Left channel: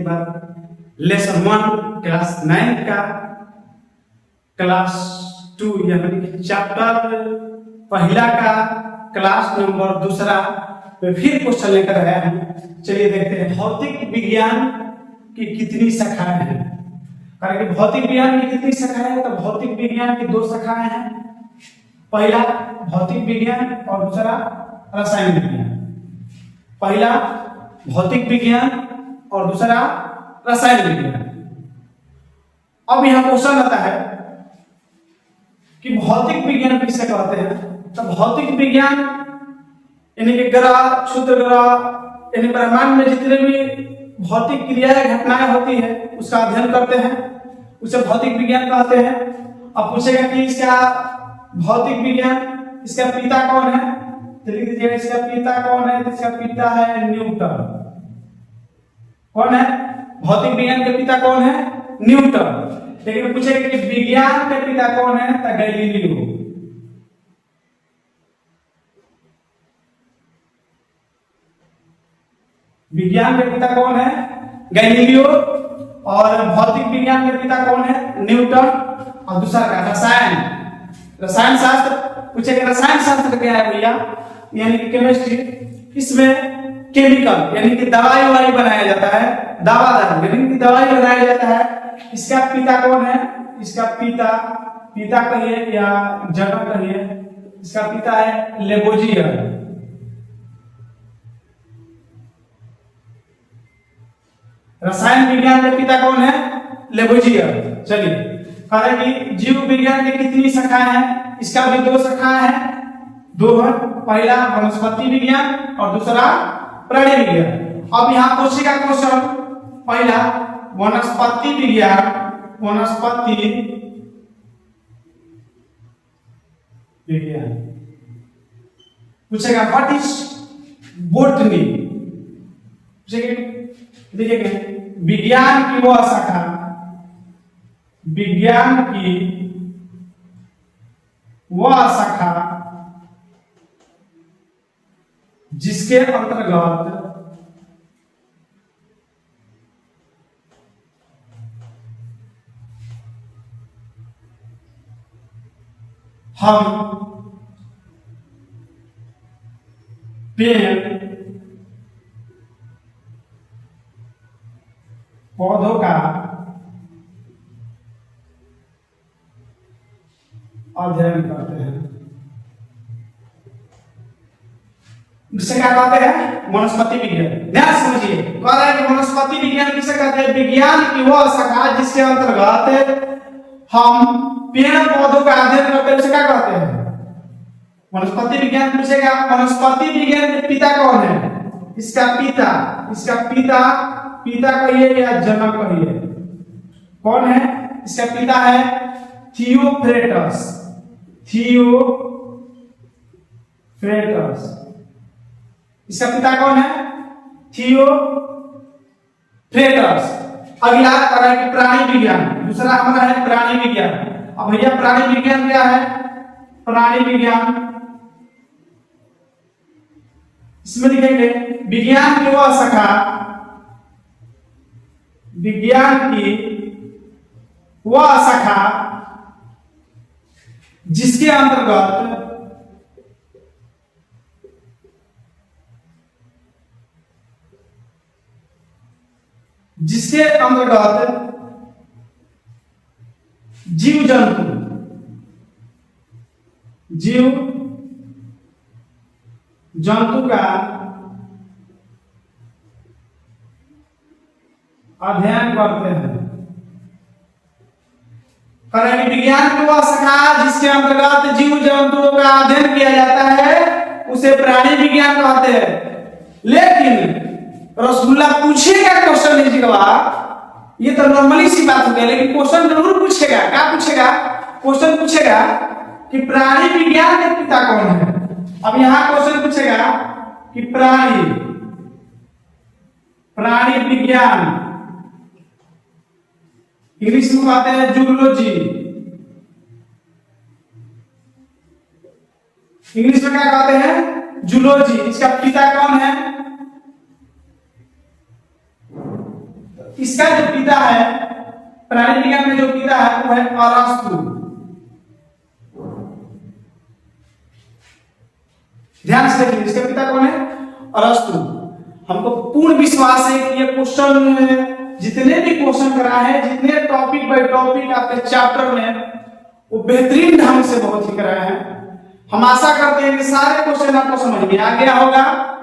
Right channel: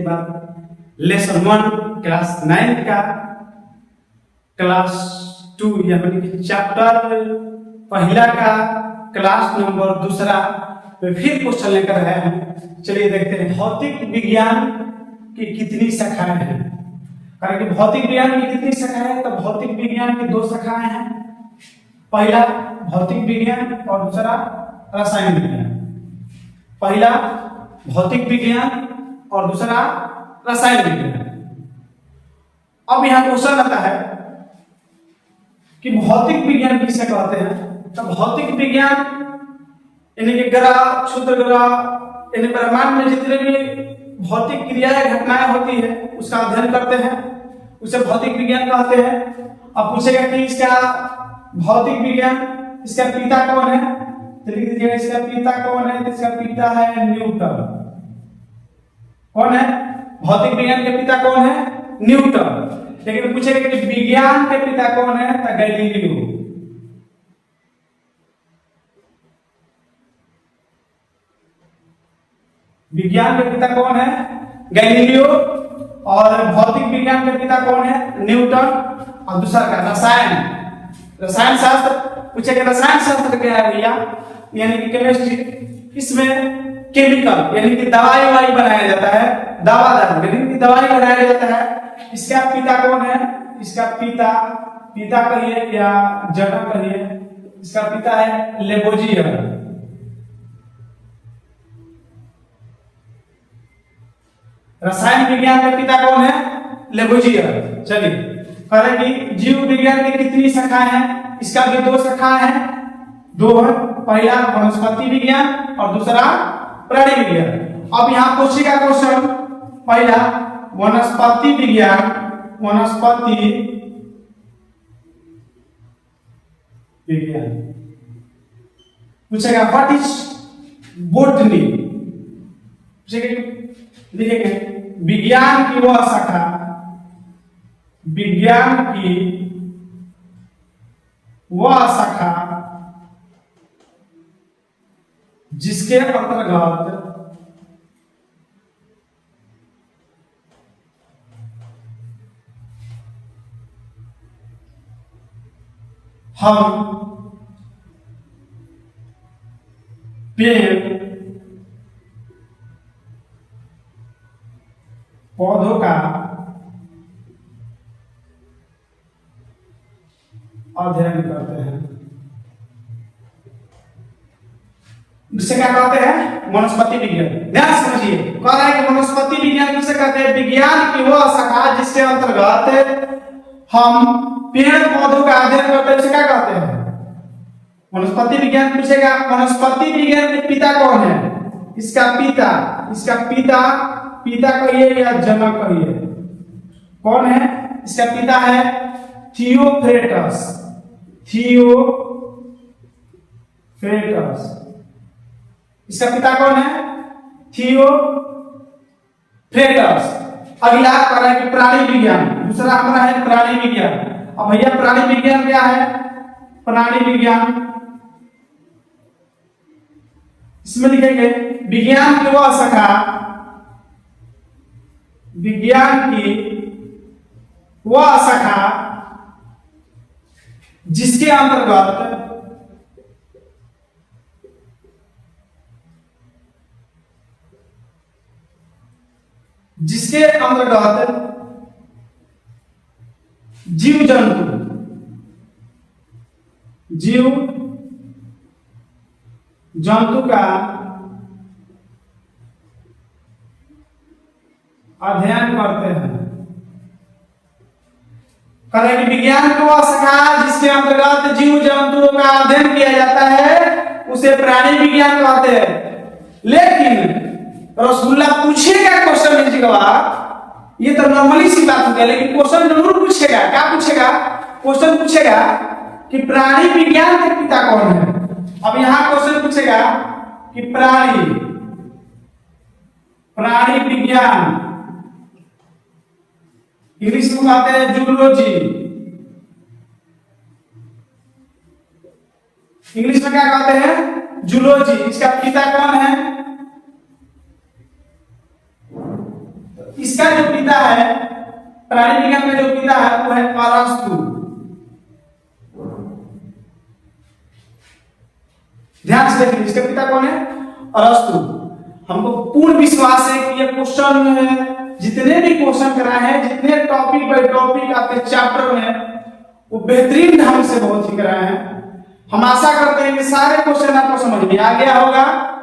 एक बार lesson 1 class 9 का class 2 यानी कि चैप्टर पहला का क्लास नंबर 2 में फिर क्वेश्चन लेकर आया हैं। चलिए देखते हैं भौतिक विज्ञान की कितनी शाखाएं हैं। कारण कि भौतिक विज्ञान की कितनी शाखाएं हैं, तो भौतिक विज्ञान की 2 शाखाएं हैं। पहला भौतिक विज्ञान और दूसरा रसायन विज्ञान। पहला भौतिक विज्ञान और दूसरा रसायन विज्ञान। अब यहां क्वेश्चन आता है कि भौतिक विज्ञान किसे कहते हैं। तो भौतिक विज्ञान यानी कि ग्रह, क्षुद्र ग्रह यानी ब्रह्मांड में जितने भी भौतिक क्रियाएं घटनाएं होती है उसका अध्ययन करते हैं, उसे भौतिक विज्ञान कहते हैं। अब पूछेगा कि इसका भौतिक विज्ञान इसका पिता कौन है, तो लिख दीजिएगा इसका पिता कौन है। इसका पिता है न्यूटन। कौन है भौतिक विज्ञान के पिता? कौन है? न्यूटन। लेकिन पूछेगा कि विज्ञान के पिता कौन है, तो गैलीलियो। विज्ञान के पिता कौन है? गैलीलियो। और भौतिक विज्ञान के पिता कौन है? न्यूटन। और दूसरा का रसायन शास्त्र। पूछेगा रसायन शास्त्र क्या है भैया, यानी कि केमिस्ट्री। इसमें केमिकल यानी कि दवाई बनाया जाता है, दवादार यानी कि दवाई बनाया जाता है। इसका पिता कौन है? इसका पिता कहिए या जनक कहिए, इसका पिता है लेबोजियर। रसायन विज्ञान के पिता कौन है? लेबोजियर। चलिए कि जीव विज्ञान की कितनी शाखाएं हैं, इसका भी 2 शाखाएं हैं। 2 है, पहला वनस्पति विज्ञान और दूसरा प्राणी विज्ञान। अब यहाँ पूछेगा क्वेश्चन पहला वनस्पति विज्ञान, पूछेगा व्हाट इज बोटनी। देखिए विज्ञान की वह शाखा, विज्ञान की वह शाखा जिसके अंतर्गत हम पेड़ पौधों का अध्ययन करते हैं। इसे क्या कहते हैं? वनस्पति विज्ञान। ध्यान समझिए, कह रहा है कि वनस्पति विज्ञान किसे कहते हैं? विज्ञान की वह शाखा जिसके अंतर्गत हम पेड़ पौधों का अध्ययन करते हैं, उसे क्या कहते हैं? वनस्पति विज्ञान। पूछेगा वनस्पति विज्ञान के पिता कौन है? इसका पिता कहिए या जनक कहिए। कौन है? इसका पिता है थियोफ्रेटस। इसका पिता कौन है? थियोफ्रेटस। अगला कर रहा है कि प्राणी विज्ञान। दूसरा हमारा है प्राणी विज्ञान। अब भैया प्राणी विज्ञान क्या है? प्राणी विज्ञान इसमें लिखेंगे विज्ञान की वह शाखा, विज्ञान की वह शाखा जिसके अंतर्गत जीव जंतु का अध्ययन करते हैं। करेंगे विज्ञान की वह शाखा जिसके अंतर्गत जीव जंतुओं का अध्ययन किया जाता है उसे प्राणी विज्ञान कहते हैं। लेकिन रसगुल्ला पूछेगा क्वेश्चन लीजिएगा, ये तो नॉर्मली सी बात हो गई, लेकिन क्वेश्चन जरूर पूछेगा। क्या पूछेगा? क्वेश्चन पूछेगा कि प्राणी विज्ञान के पिता कौन है। अब यहां क्वेश्चन पूछेगा कि प्राणी विज्ञान, इंग्लिश में कहते हैं जूलॉजी। इंग्लिश में क्या कहते हैं? जूलॉजी। इसका पिता कौन है? इसका जो पिता है प्राणी विज्ञान में जो पिता है वो है अरस्तु। ध्यान से देखिए, इसका पिता कौन है? अरस्तु। हमको पूर्ण विश्वास है कि ये क्वेश्चन जितने भी क्वेश्चन कराए हैं, जितने टॉपिक बाय टॉपिक आपके चैप्टर में, वो बेहतरीन ढंग से बहुत ही कराए हैं। हम आशा करते हैं कि सारे क्वेश्चन आपको समझ में आ गया होगा।